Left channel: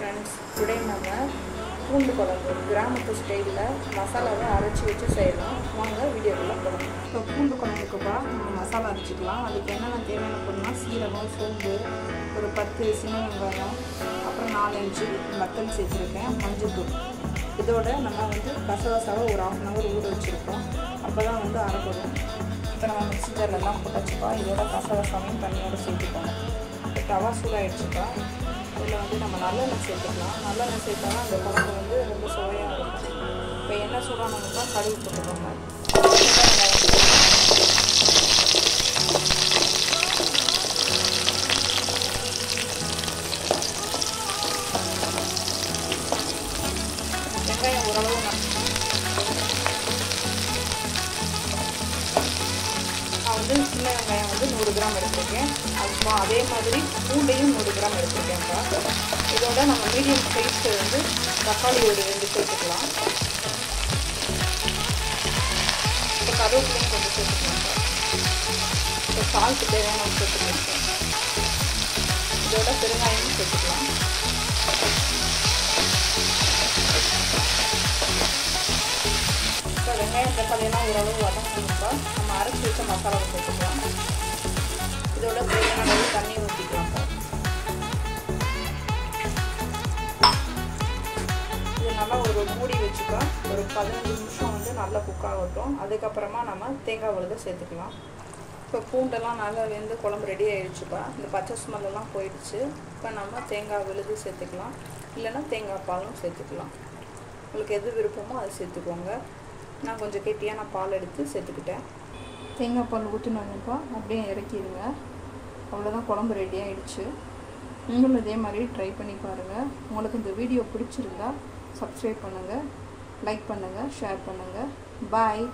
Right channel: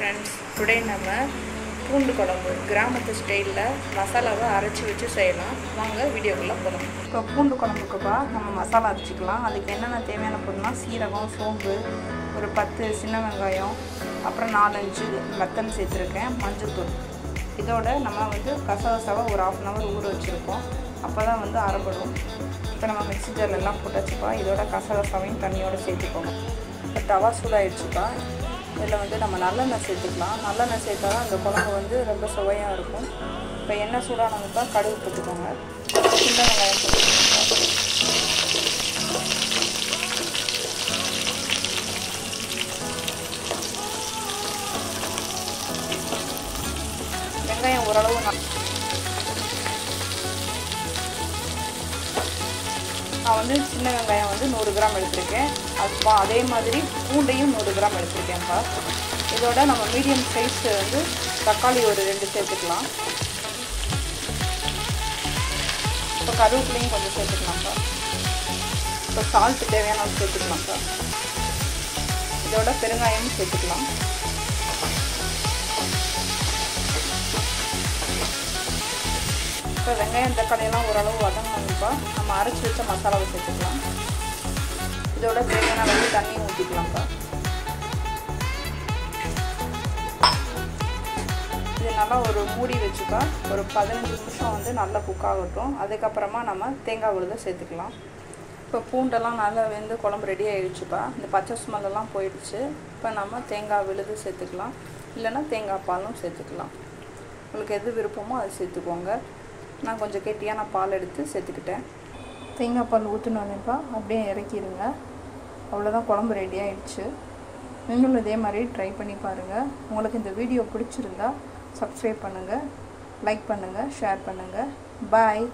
Friends, today நம்ம பூண்டு குழம்பு கிராமத்து ஸ்டைலில் மசாலாவை அரைச்சி வச்சு செய்யலாம். வாங்க வீடியோக்குள்ளே போகலாம். இப்போ பூண்டு குழம்புக்குப்பா நம்ம மசாலா அரைச்சிக்கலாம். அதுக்கு என்னென்ன தேவையான பொருள்னா சீரகம், சோம்பு, ஒரு 10 சின்ன வெங்காயம், அப்புறம் 4-5 வத்தல் சேர்த்துருக்கேன், மஞ்சள்தூள். இதோட நம்ம கசகசாவை ஒரு 1/2 hour ஊற வச்சுருக்கோம். அப்போ தான் அரைப்படும். இப்போ நம்ம மிக்ஸி ஜார்லாம் போட்டாச்சுப்பா. இதோட கசகசாவையும் தண்ணியோடு சேர்த்துக்கோங்க. இப்போ தவா சூடாகிடுச்சுப்பா. இதில் நம்ம நல்லெண்ணெய் சேர்த்துக்கலாம். நல்லெண்ணெய் சேர்த்தா தான் அந்த குழம்பு ரொம்ப சுவையாக இருக்கும். இப்போ எண்ணெய் சூடானவங்க கடுகு போட்டுக்கோங்க. வெங்காயம் ஓரளவு நான் சின்ன வெங்காயம் 100 கிராம் எடுத்துருக்கேன். அதே மாதிரி பூண்டையும் 100 கிராம் எடுத்துருக்கேன்ப்பா. இதோட நம்ம மீடியம் சைஸ் தக்காளி ஒரு 2 சேர்த்துக்கலாம். இப்போ கருவேப்பிலையும் கொஞ்சம் சேர்த்துக்கலாம்ப்பா. இப்போ சால்ட்டு தேவையான சேர்த்துக்கலாம்ப்பா. இதோட பெருங்காயமும் சேர்த்துக்கலாம். இப்போ வெங்காயம் தக்காளியெல்லாம் ஓரளவு வதங்கணும்ப்பா. நம்ம அரைச்சி வச்ச மசாலாவை சேர்த்துக்கலாம். இதோட தேவையான அளவு தண்ணி ஊற்றிக்கலாம்ப்பா. இது நல்லா ஒரு மூடி வச்சுப்பா. ஒரு 15 நிமிஷம் நல்லா குக் ஆகட்டும். அதுக்கப்புறமா நம்ம தேங்காய் விழுதை சேர்த்துக்கலாம். இப்போ பூண்டெல்லாம் நல்லா குழம்பு ரெடி ஆகிடுச்சுப்பா. இந்த பச்சை ஸ்மெல்லாம் போயிடுச்சு. இப்போ நம்ம தேங்காய் விழுது சேர்த்துக்கலாம். இல்லைன்னா தேங்காய் பாலும் சேர்த்துக்கலாம். உங்களுக்கு எது விருப்பமோ அதை சேர்த்துக்கோங்க. நான் கொஞ்சம் கெட்டியான பால் எடுத்து சேர்த்துக்கிட்டேன். தேங்காய் பால் ஊற்றினோன்னேப்பா அப்படியே இறக்கிடுங்க. அவ்வளோதான், குழம்பு ரெடி ஆகிடுச்சு. நீங்களும் இதே மாதிரி ட்ரை பண்ணி பாருங்கள். உங்களுக்கு இந்த வீடியோ பிடிச்சிருந்தா சப்ஸ்கிரைப் பண்ணுங்கள், லைக் பண்ணுங்கள், ஷேர் பண்ணுங்கள். பாய்.